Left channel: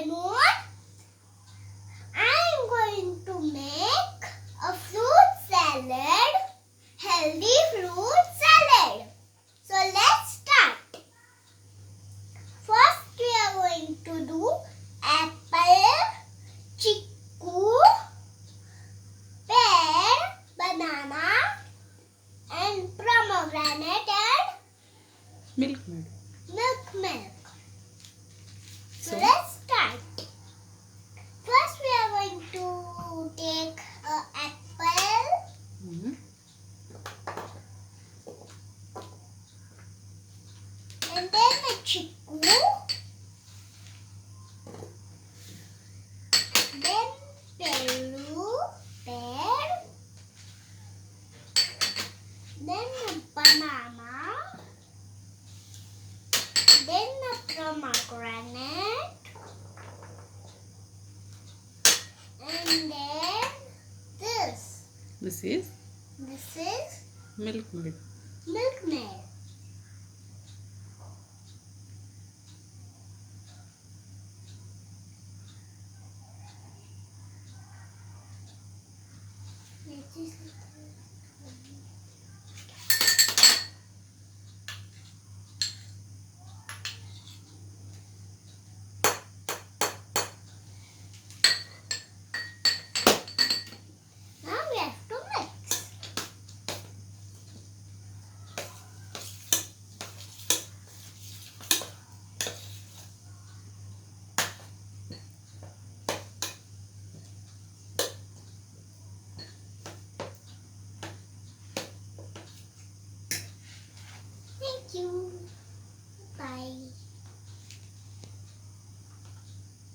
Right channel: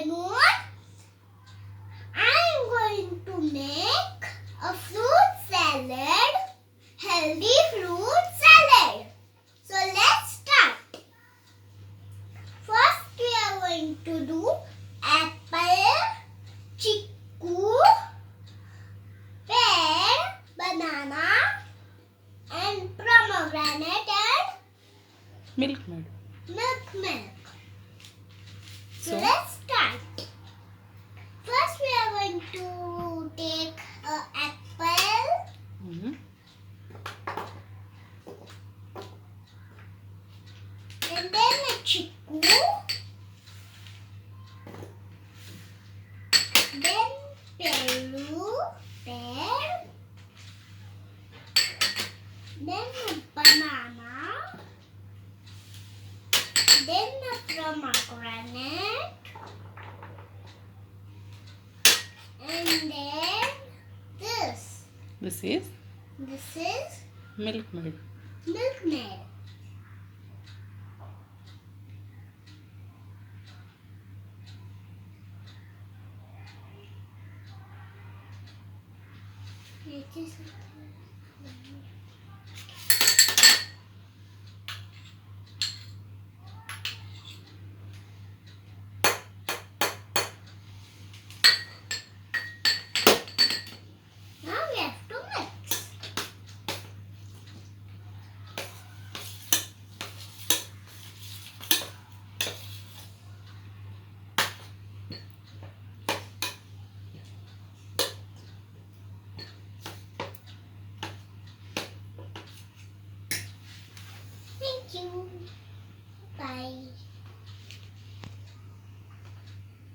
afternoon. I am going to make a fruit salad, healthy fruit salad. So let's start. First we are going to do apple, chickoo, pear, banana and pomegranate and Milkmaid. milk. So So? let's start. First we are going to take an apple, Mhm. and then a chickoo, then pear, then a banana, then a pomegranate, and then this. This is This is Milkmaid. milkmaid. Now we have to mix. Thank you.